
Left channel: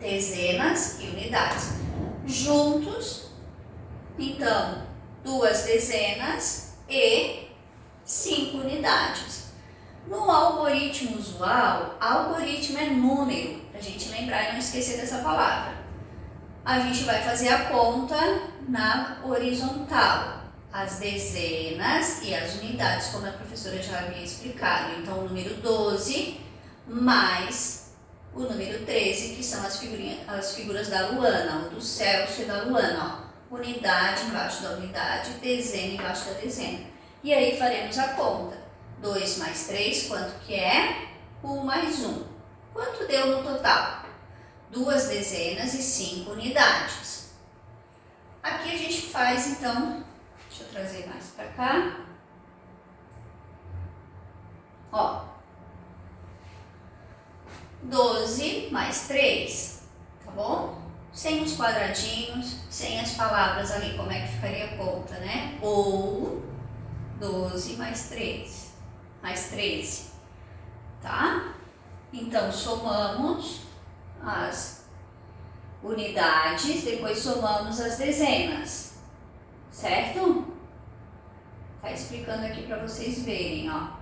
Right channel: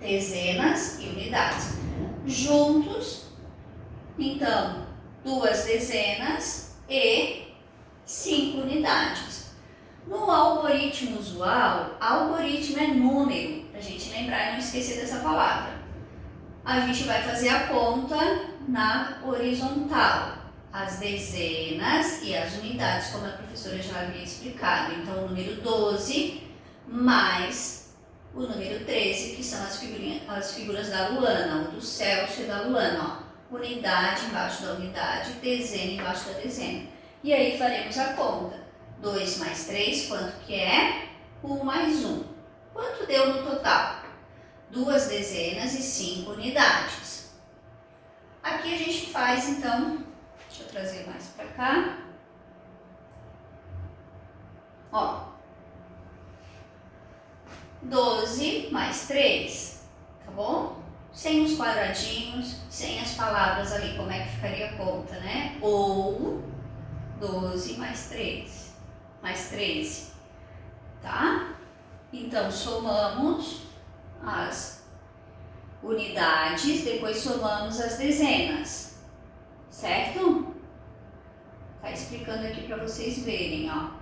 Dezenas e unidades. Juntos, então, 2 dezenas e 5 unidades. No algoritmo usual, algoritmo é número, para a gente lembrar e não esquecer dessa palavra. A gente vai fazer a conta na horizontal, as dezenas e as unidades, como a professora já havia explicado. Então, o número 12 mais o número 13, que são as figuras da Luana, o do Celso e da Luana. Ó. Unidade embaixo da unidade, dezena embaixo da dezena. E aí faremos a conta. 2 mais 3, quanto que é? 1 mais 1. Quanto deu no total? 2 dezenas e 5 unidades. Aqui a gente faz, então, deixa eu trazer mais para cá. Ó, 12 mais 3, tá bom? Sem os quadradinhos, sem as palavras ali, como é que ficaria a conta, né? Ou 12 mais 3, mais 13, tá? Então, somamos as unidades, depois somamos as dezenas, certo? Tá explicando aqui para vocês verem, ó.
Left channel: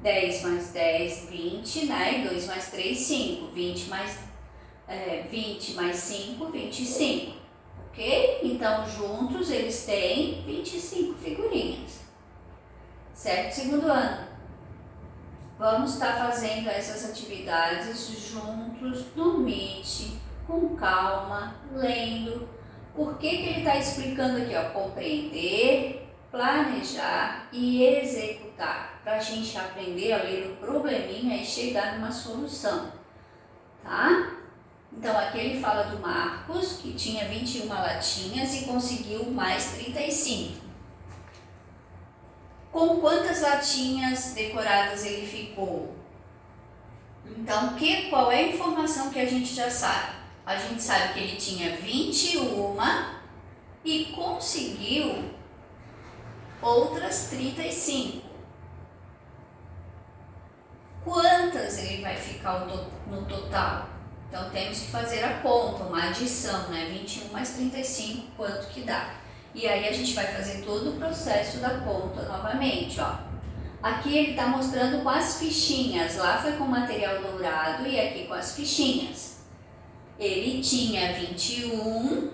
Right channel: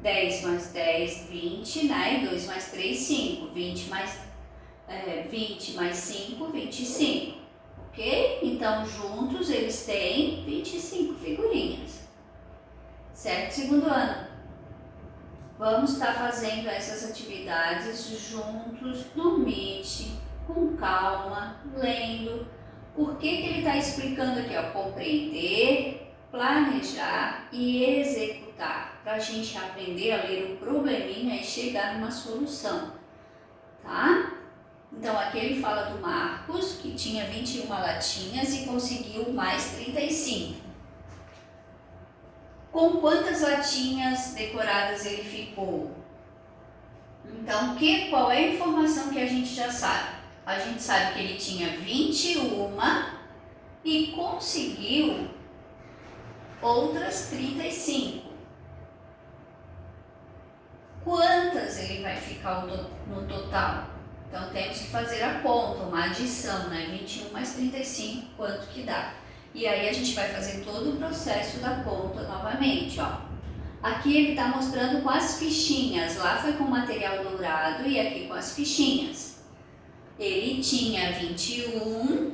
10 mais 10, 20, né? 2 mais 3, 5. 20 mais 5, 25. Ok? Então, juntos eles têm 25 figurinhas. Certo? Segundo ano. Vamos estar fazendo essas atividades juntos no Meet, com calma, lendo. Por que ele está explicando aqui? Ó, compreender, planejar e executar. Para a gente aprender a ler o probleminha e chegar numa solução. Tá? Então, aqui ele fala do Marcos, que tinha 21 latinhas e conseguiu mais 35. Com quantas latinhas decoradas ele ficou? Então, qual é a informação que a gente já sabe? A gente sabe que ele tinha 21 e conseguiu outras 35. Quantas ele vai ficar no total? Então, temos que fazer a conta, uma adição, né? 21 mais 35, quanto que dá? E aí a gente vai fazer todo o processo da conta novamente, ó. Aqui ele está mostrando com as fichinhas, lá foi com material dourado e aqui com as fichinhas. Ele tinha 21,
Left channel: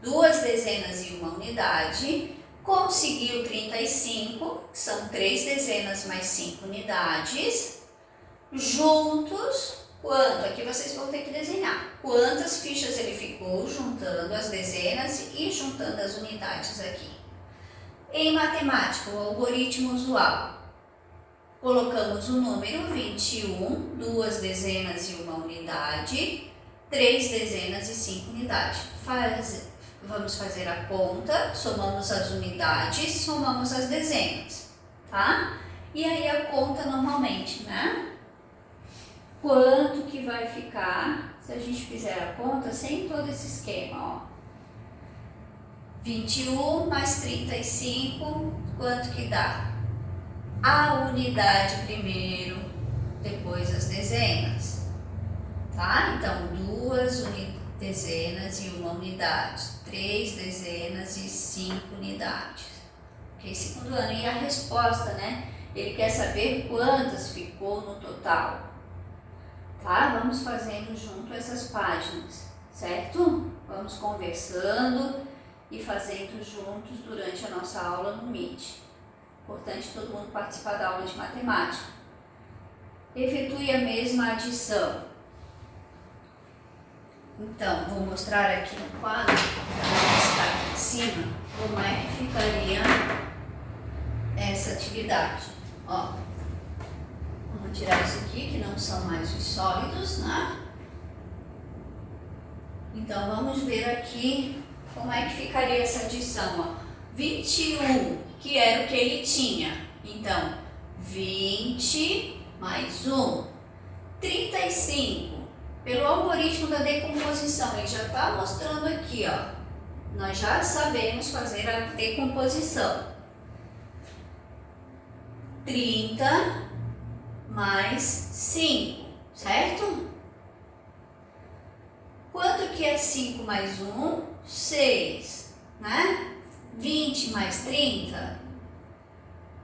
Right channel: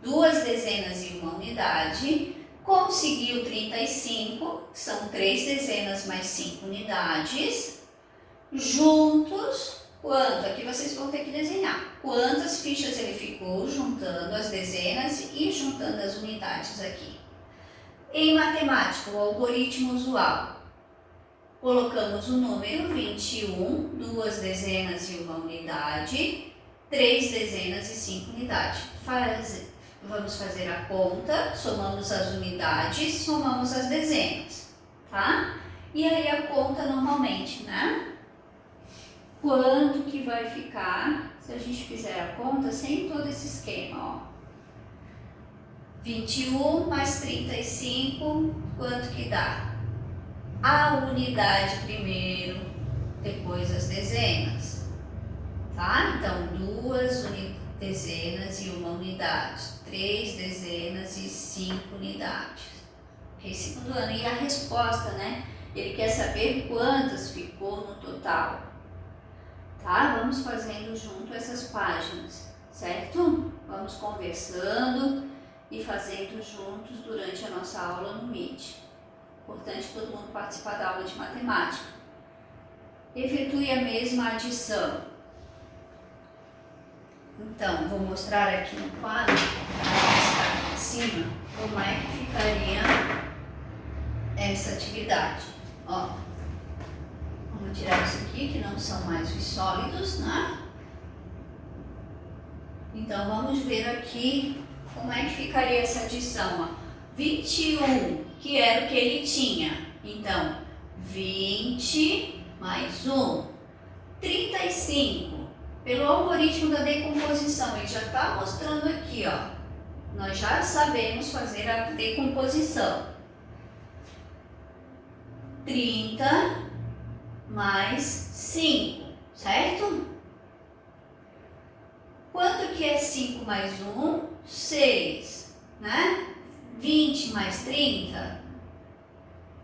2 dezenas e 1 unidade, conseguiu 35, são 3 dezenas mais 5 unidades, juntos. Quanto? Aqui vocês vão ter que desenhar. Quantas fichas ele ficou juntando as dezenas e juntando as unidades aqui. Em matemática, o algoritmo usual. Colocamos o número 21, 2 dezenas e 1 unidade, 3 dezenas e 5 unidades. Vamos fazer a conta, somamos as unidades, somamos as dezenas, tá? E aí a conta normalmente, né? Quanto que vai ficar se a gente fizer a conta sem todo esse esquema, ó. 21 mais 35, quanto que dá? A unidade primeiro, depois as dezenas, tá? Então, 2 dezenas e 1 unidade, 3 dezenas e 5 unidades. Ok? Segundo ano. E a resposta, né? Ele quer saber quantas ficou no total. Tá? Vamos fazendo junto essas páginas, certo? Vamos conversando e fazendo juntos durante a nossa aula no Meet. Importante todo mundo participar da aula de matemática. Efetue a mesma adição. Então, vou mostrar aqui no quadro, que está aqui em cima, como é que ficaria essa atividade. Ó, vamos tirar isso aqui, que não são mais os sólidos, né? Então, vamos ver aqui como é que ficaria essa adição. Ó. 21, que era o que ele tinha. Então, 20 mais 1, 35. Pelo algoritmo da decomposição, ele já está mostrando aqui, ó. Nós já sabemos fazer a decomposição. 30 mais 5, certo? Quanto que é 5 mais 1? 6, né? 20 mais 30?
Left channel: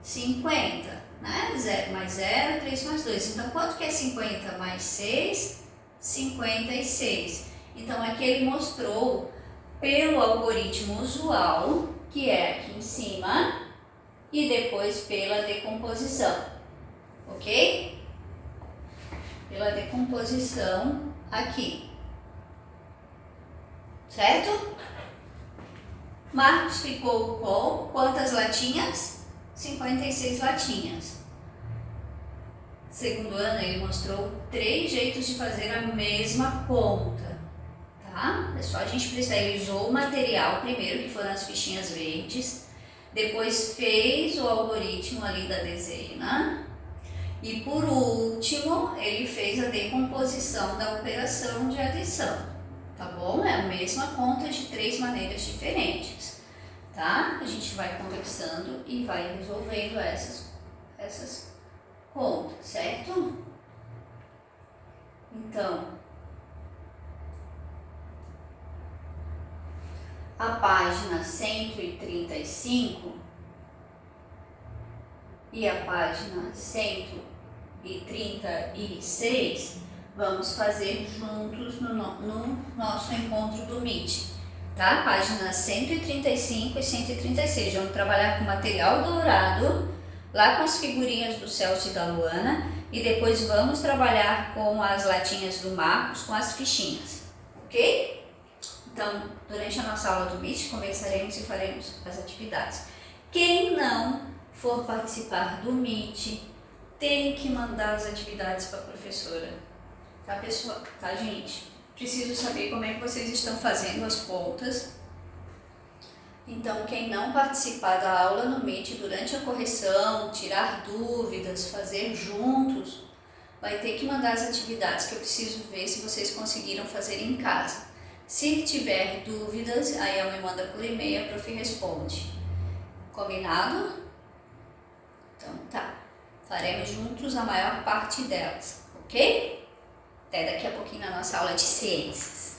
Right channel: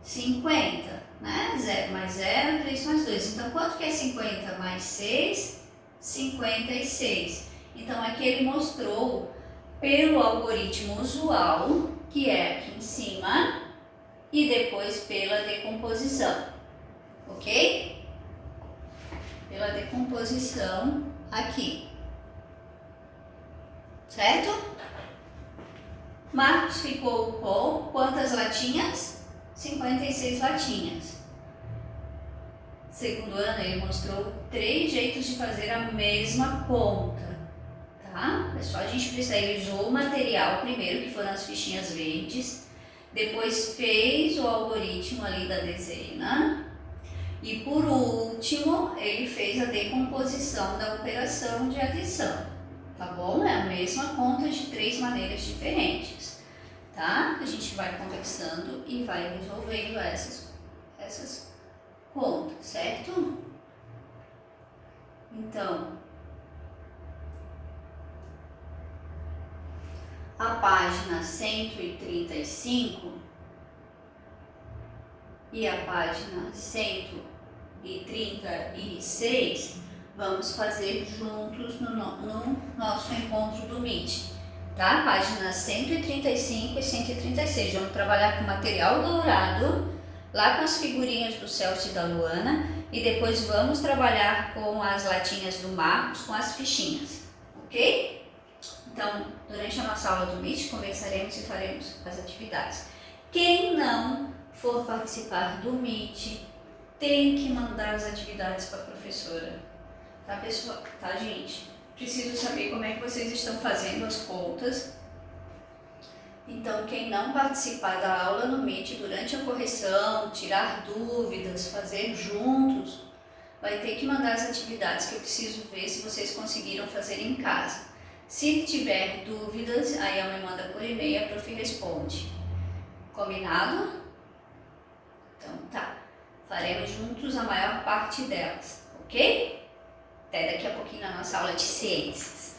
50, né? 0 mais 0, 3 mais 2. Então, quanto que é 50 mais 6? 56. Então, aqui ele mostrou pelo algoritmo usual, que é aqui em cima, e depois pela decomposição, ok? Pela decomposição aqui, certo? Marcos ficou com quantas latinhas? 56 latinhas. Segundo ano, ele mostrou 3 jeitos de fazer a mesma conta, tá? É só a gente precisar, ele usou o material primeiro, que foram as fichinhas verdes, depois fez o algoritmo ali da dezena e por último, ele fez a decomposição da operação de adição, tá bom? É a mesma conta de 3 maneiras diferentes, tá? A gente vai conversando e vai resolvendo essas contas, certo? Então, a página 135 e a página 136 vamos fazer juntos no nosso encontro do Meet, tá? Página 135 e 136, vamos trabalhar com material dourado, lá com as figurinhas do Celso e da Luana, e depois vamos trabalhar com as latinhas do Marcos, com as fichinhas, ok? Então, durante a nossa aula do Meet, conversaremos e faremos as atividades. Quem não for participar do Meet, tem que mandar as atividades para a professora. Tá, pessoal? Tá, gente? Preciso saber como é que vocês estão fazendo as contas. Então, quem não participar da aula no Meet durante a correção, tirar dúvidas, fazer juntos, vai ter que mandar as atividades, que eu preciso ver se vocês conseguiram fazer em casa. Se tiver dúvidas, aí ela me manda por e-mail, a prof responde. Combinado? Então tá. Faremos juntos a maior parte delas, ok? Até daqui a pouquinho na nossa aula de ciências.